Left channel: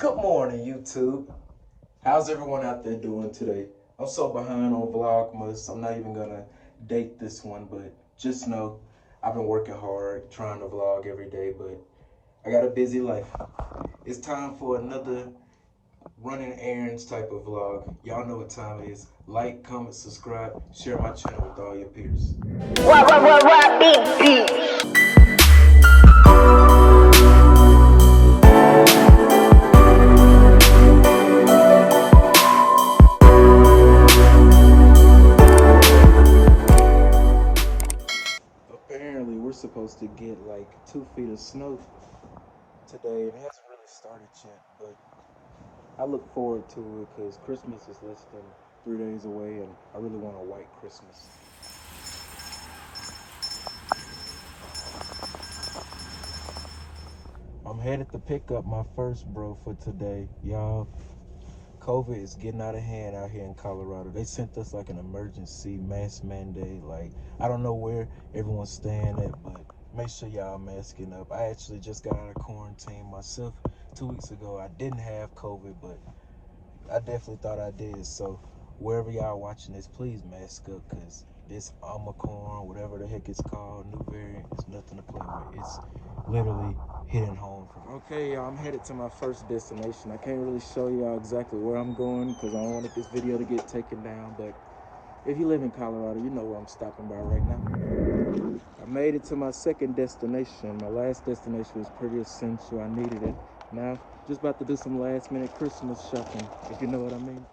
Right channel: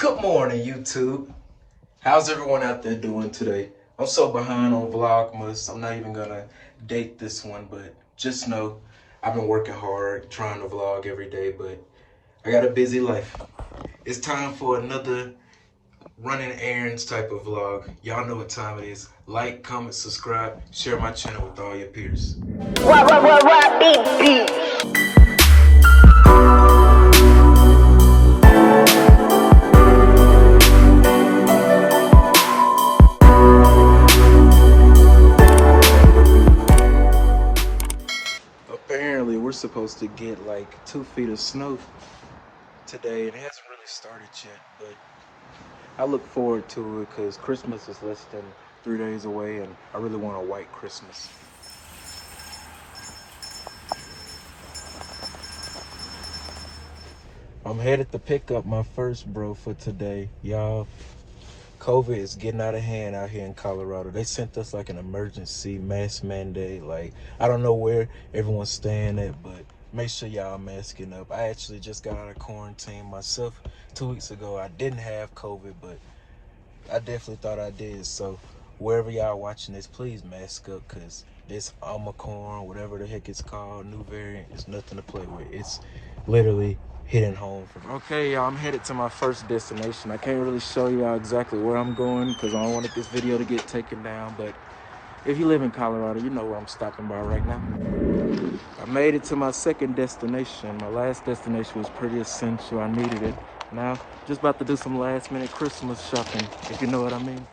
Good morning, YouTube. How's everyone out there doing today? I'm so behind on Vlogmas. I'm not even gonna date this one, but just know I've been working hard, trying to vlog every day, but I got a busy life. It's time for another running errands type of vlog. Y'all know what time it is. Like, comment, subscribe, share my channel with all your peers. What, beat. Apparently, we're supposed to get like 2 feet of snow today, and it hasn't really started yet, but I look forward to it because Christmas is less than 3 days away, and I really want a white Christmas. I'm headed to pick up my first bro for today. Y'all, COVID is getting out of hand out here in Colorado. They sent us like an emergency mask mandate. Like, I don't know where everyone's staying at, but make sure y'all masking up. I actually just got out of quarantine myself 2 weeks ago. I didn't have COVID, but I definitely thought I did. So wherever y'all watching this, please mask up, because this Omicron, whatever the heck it's called, new variant, is nothing to play with. It's literally hitting home for me. Okay, y'all, I'm headed to my first destination. I can't really show y'all exactly where I'm going because I don't want this video to get taken down, but if you live in Colorado, you know where I'm stopping by right now. I made it to my second destination. My last destination was pretty essential. I needed it. Now, just about to do some last minute Christmas shopping, if you know what I mean.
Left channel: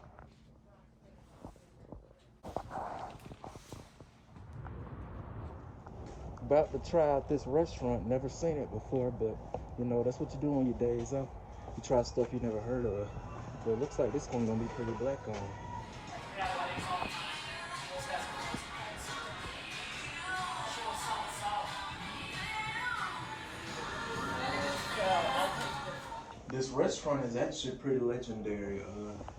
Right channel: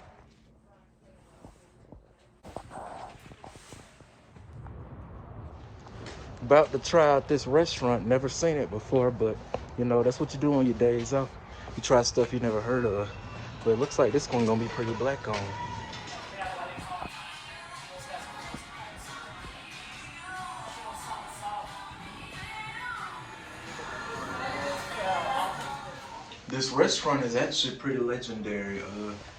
About to try out this restaurant. Never seen it before, but you know, that's what you do on your days off. You try stuff you never heard of. But it looks like this one gonna be pretty black on. This restaurant is actually pretty legendary.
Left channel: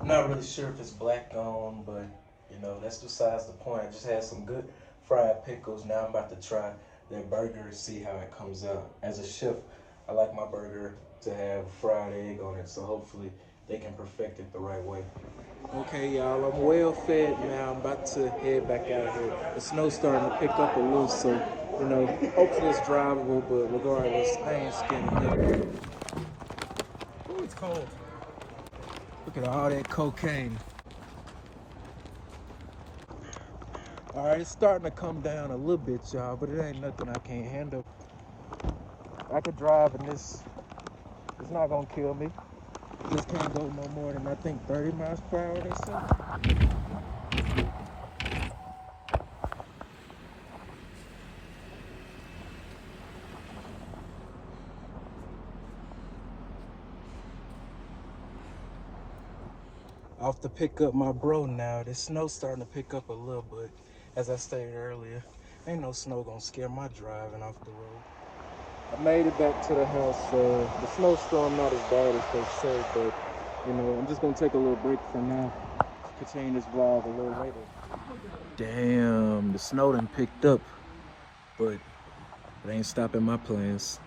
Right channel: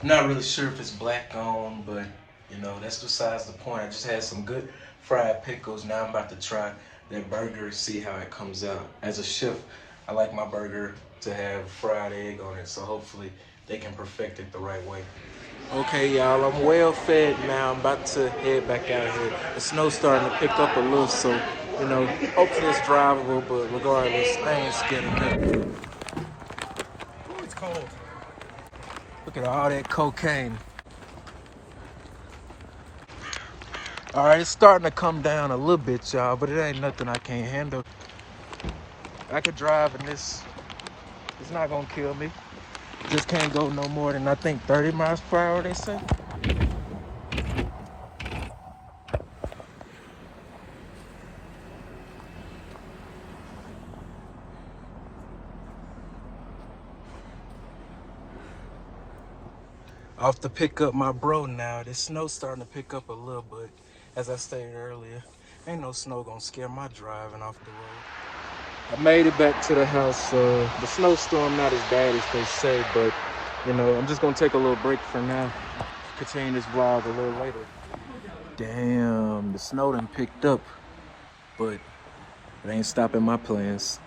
I'm not really sure if it's black on, but you know, that's besides the point. I just had some good fried pickles. Now I'm about to try their burger and see how it comes out. As a chef, I like my burger to have fried egg on it, so hopefully they can perfect it the right way. Okay, y'all, I'm well fed now. I'm about to head back out here. The snow's starting to pick up a little, so, you know, hopefully it's drivable, but regardless, I ain't scared of nothing. It's cold. Look at all that cocaine. All right, it's starting to come down a little bit, y'all, but it ain't nothing I can't handle. I could drive in this. It's not gonna kill me. Just can't go no more than, I think, 30 miles per hour, they say. Off to pick up my bro now. This snow's starting to pick up a little bit. As I stated earlier, ain't no snow gonna scare my driving off the road. I made it back to the house. The snowstorm not as bad as they say, but you know, I'm just gonna take a little break for now. Continue this vlog a little later. Damn, the snow done picked up, but it ain't stopping my plans.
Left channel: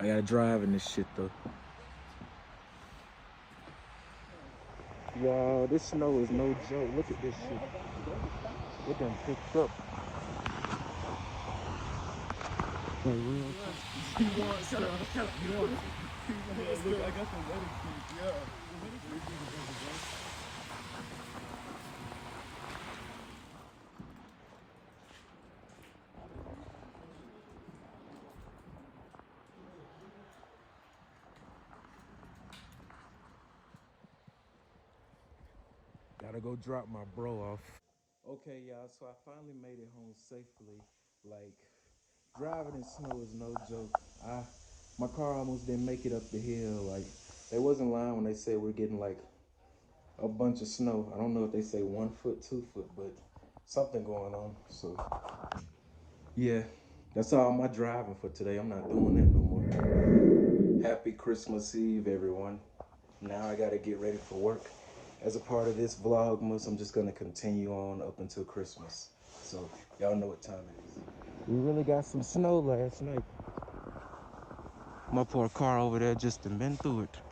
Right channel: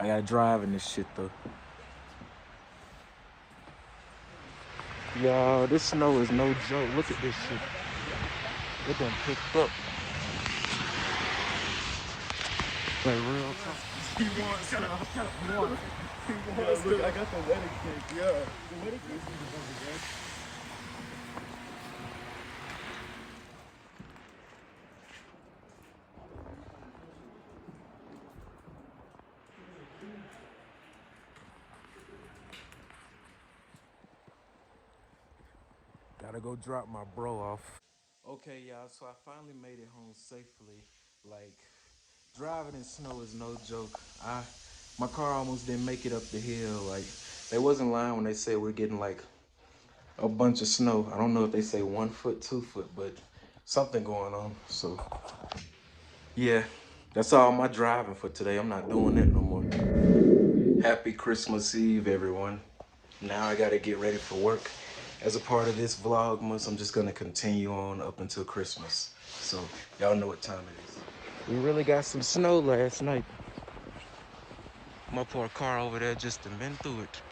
I gotta drive in this shit though. Y'all, this snow is no joke. Look at this shit. It done picked up. Like real talk. Look, I got the wedding cake, yeah. The wedding cake is the best. Gotta go drop my bro off. Okay, y'all, so I finally made it home safely. Like, driving in snow is no joke. My car almost didn't make it up the hill. Like, they wasn't lying when they said we're getting like a bunch of snow. I don't know if they say 1 foot, 2 foot, but something going on. So yeah, that's all my driving for today. I'm not doing that no more. Happy Christmas Eve, everyone. Now I gotta get ready for work. As a part of this Vlogmas, I'm just gonna continue on up until Christmas. So y'all know what time it is. We really got some snow last night. I'm gonna put a car over there just to bend through it.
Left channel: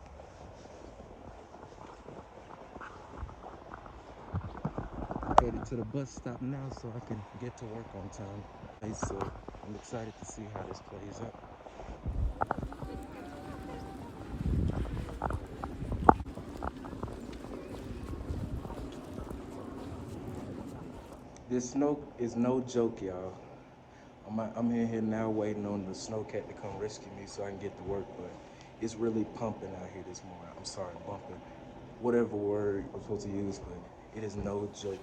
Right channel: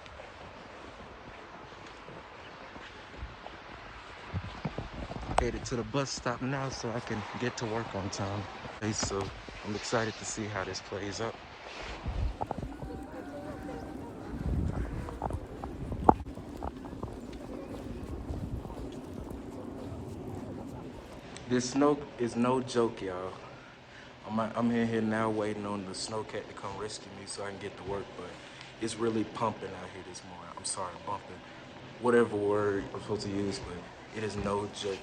Headed to the bus stop now so I can get to work on time. Okay, so I'm excited to see how this plays out. This snow is no joke, y'all. I'm in here now waiting on the snowcat to come rescue me so I can get to work, but it's really pumping out here this morning. I'm sorry, bumping. Whatever word I'm supposed to use, but it is no joke.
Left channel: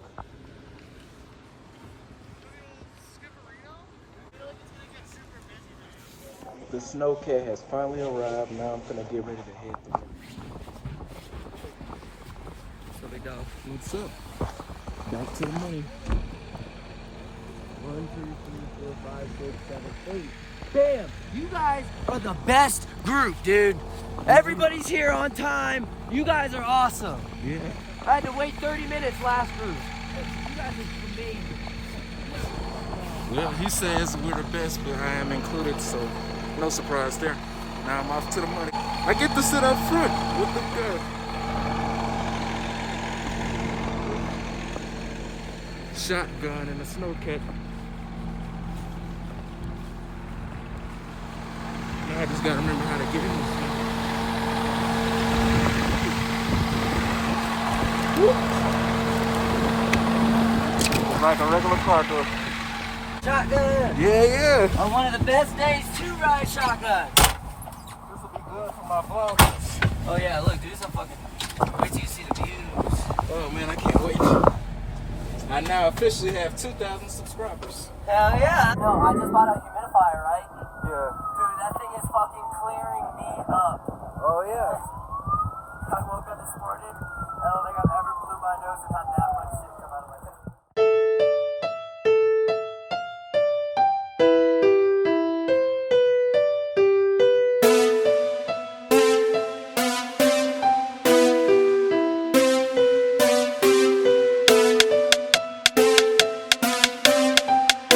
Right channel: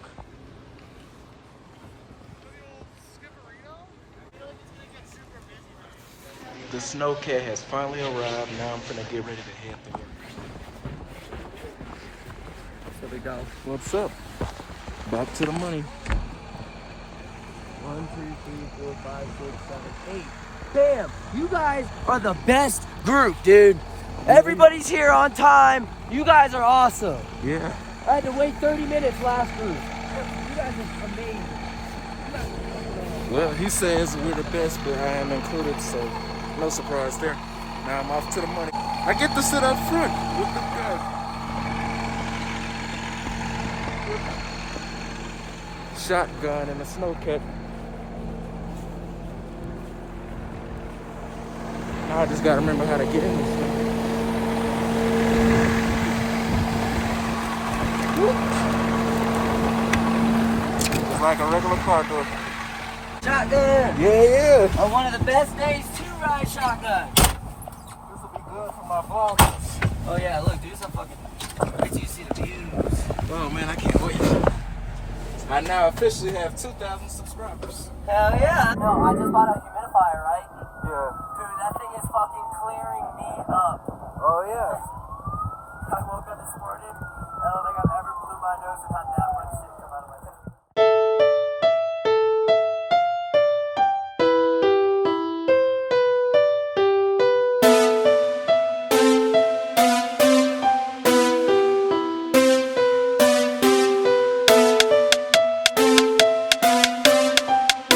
The snowcat has finally arrived. Now I'm finna get ready to head to work. So big dog. What's up? Back to the money. 1, 2, 3, 4, 5, 6, 7, 8. Damn, you guys are the best group, dude. Everybody's here on time. You guys are awesome. Yeah. I had to wait 30 minutes last group. You guys are amazing. Well, he says we're the best, but I am included, so no surprise there. Now I'm off to the money. I get to sit up front with the guy. Shotgun and a snowcat. Now I just gotta remember how to get in this thing. Shotgun. Yeah. On one of the best days to ride shotgun. This will be good for my vlogs. Oh yeah, look, do some fucking. Wait till you see the views. Oh man, I can't wait. I now officially have 2,000 subscribers. Hell yeah. No, I just bought a humidifier, right? Yeah. Dude, that thing is fucking clearing me up. Oh yeah. I woke up this morning, I don't think I've ever blew my nose and had that much shit come out of my nose.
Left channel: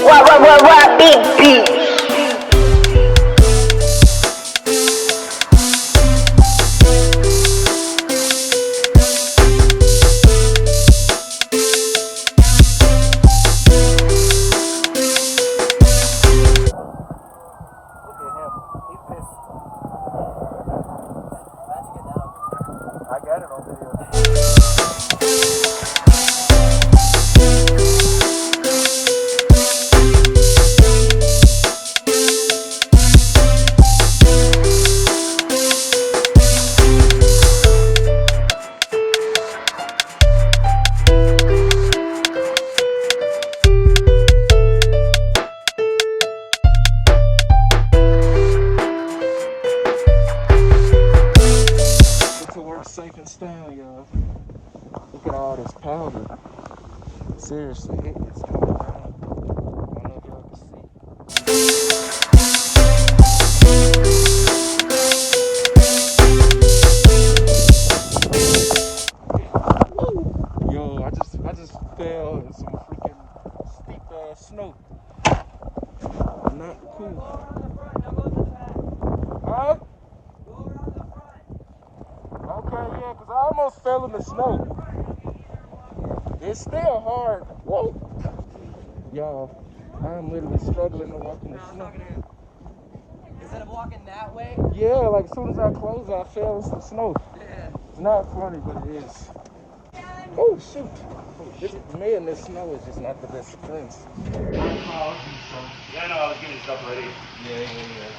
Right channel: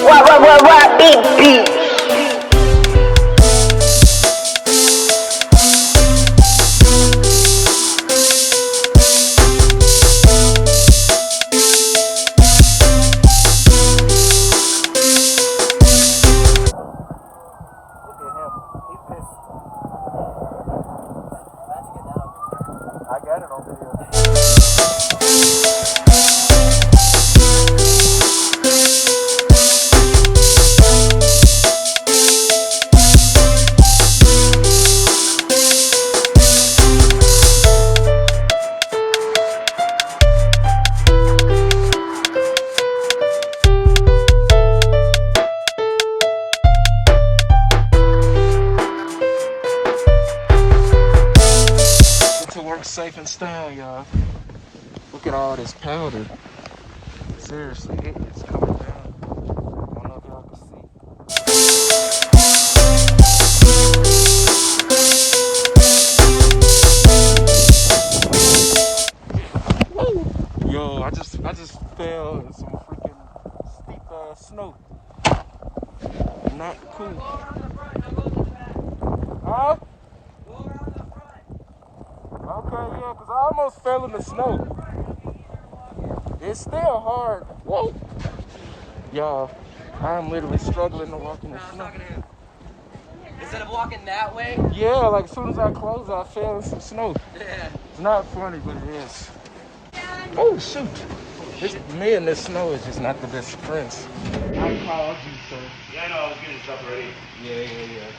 What, beep, beep. Safe and sound, y'all. Look at all this powder. Seriously, it's coming down. I don't know if y'all can see. Yo, I just fell in some freaking steep snow. Not cool. Huh? Okay, yeah, because I almost fell in the snow. It's still hard. Whoa. Y'all, I'm literally struggling to walk in the snow. Instead of walking that way? Yeah, like as soon as I closed, I fell in some snow. Yeah. It's not funny, but it is. Oh, shoot. Me and this snow is just not the best friends. Yeah, no, I was getting stuff ready. Yeah.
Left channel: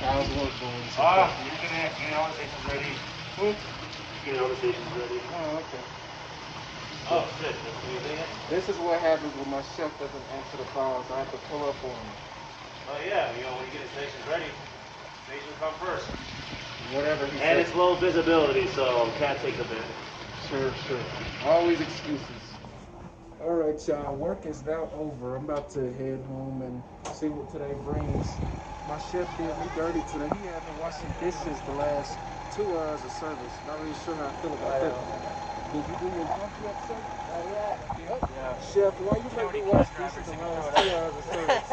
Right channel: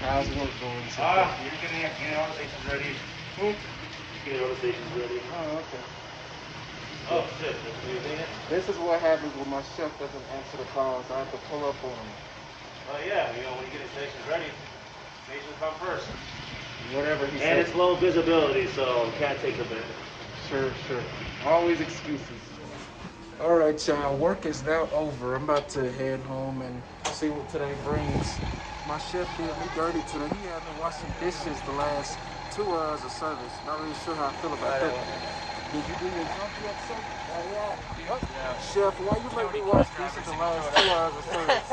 How's work going? You're gonna get all the stations ready. Get all the stations ready. Oh, okay. Oh, shit. Can you clean it? This is what happens when my chef doesn't answer the calls. I have to pull up on him. Oh, yeah. You know, when you get the stations ready, stations come first. Whatever he And says. it's low visibility, so cat takes a bit. Sure. Always excuses. All right, y'all. Work is now over. I'm about to head home and see what today brings. My chef did me dirty today. He had me washing dishes the last 2 hours of service. Not really sure how I feel about that. Did you do your jump yet, sir? Yeah. What? Chef, why you make me wash dishes the last 2 hours of service?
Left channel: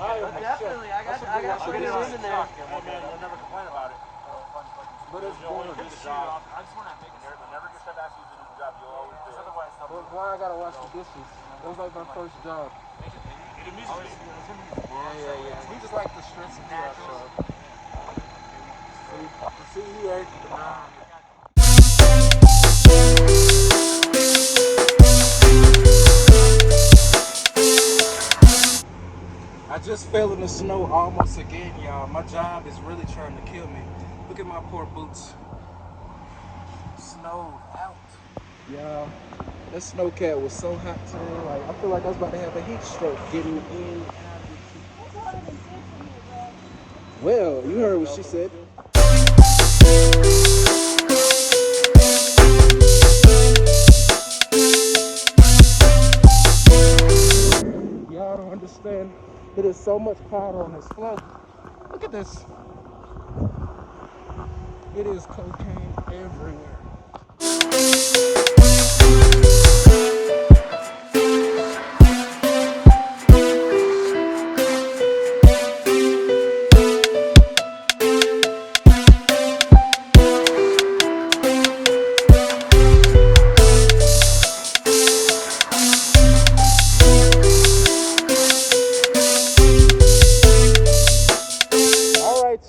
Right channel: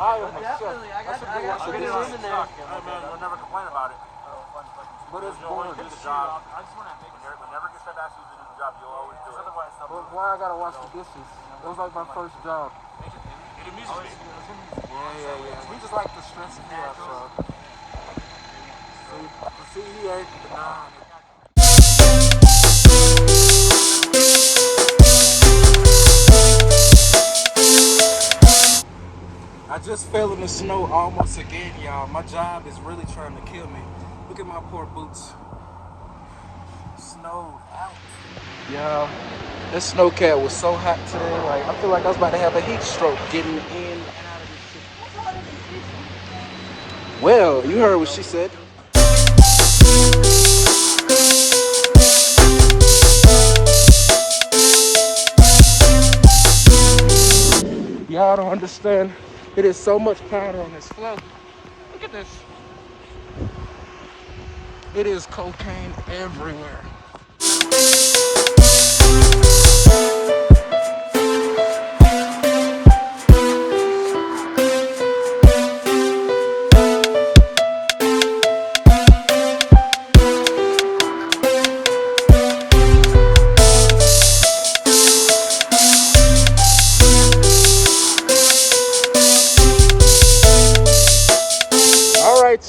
I am a chef. I should be washing dishes. You'll never complain about it. But it's boring. I just want to make it there, but never get that ass using But why I gotta wash the dishes? It was like my first job. Yeah. He just like to stress me out, so. See, he ain't denying it. I just fell in the snow almost again, y'all. My job is really trying to kill me. Look at my poor boots. Snow out. Yeah, that snowcat was so hot today. Like, I feel like I was about to have a heat stroke getting in. Well, you heard what she said. Y'all don't understand. It is so much powder on this floor. Look at this. It is cocaine everywhere.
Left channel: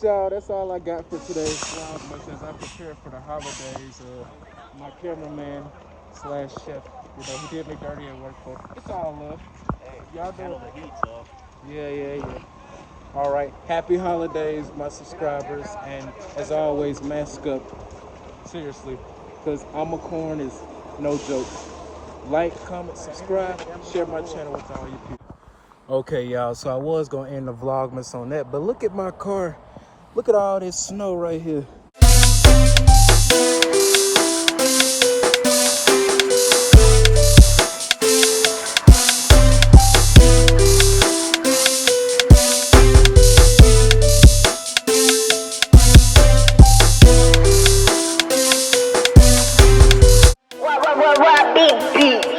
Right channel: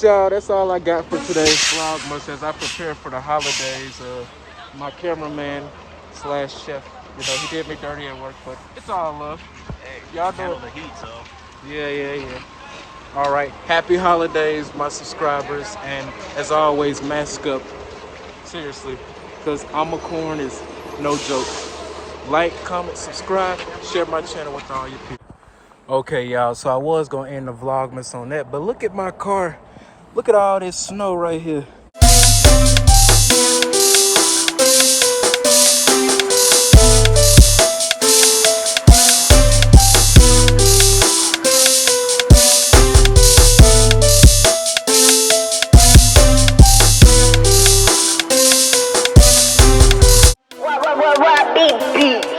Y'all, that's all I got for today's Vlogmas as I prepare for the holidays. My cameraman slash chef, you know, he did me dirty at work, but it's all love. Hey, y'all handle the heat, so. Yeah. All right, happy holidays, my subscribers, and as always, mask up. Seriously, because Corn is no joke. Like, comment, subscribe, share my channel with all your people. Okay, y'all, so I was gonna end the Vlogmas on that, but look at my car. Look at all this snow right here. What, beep, beep.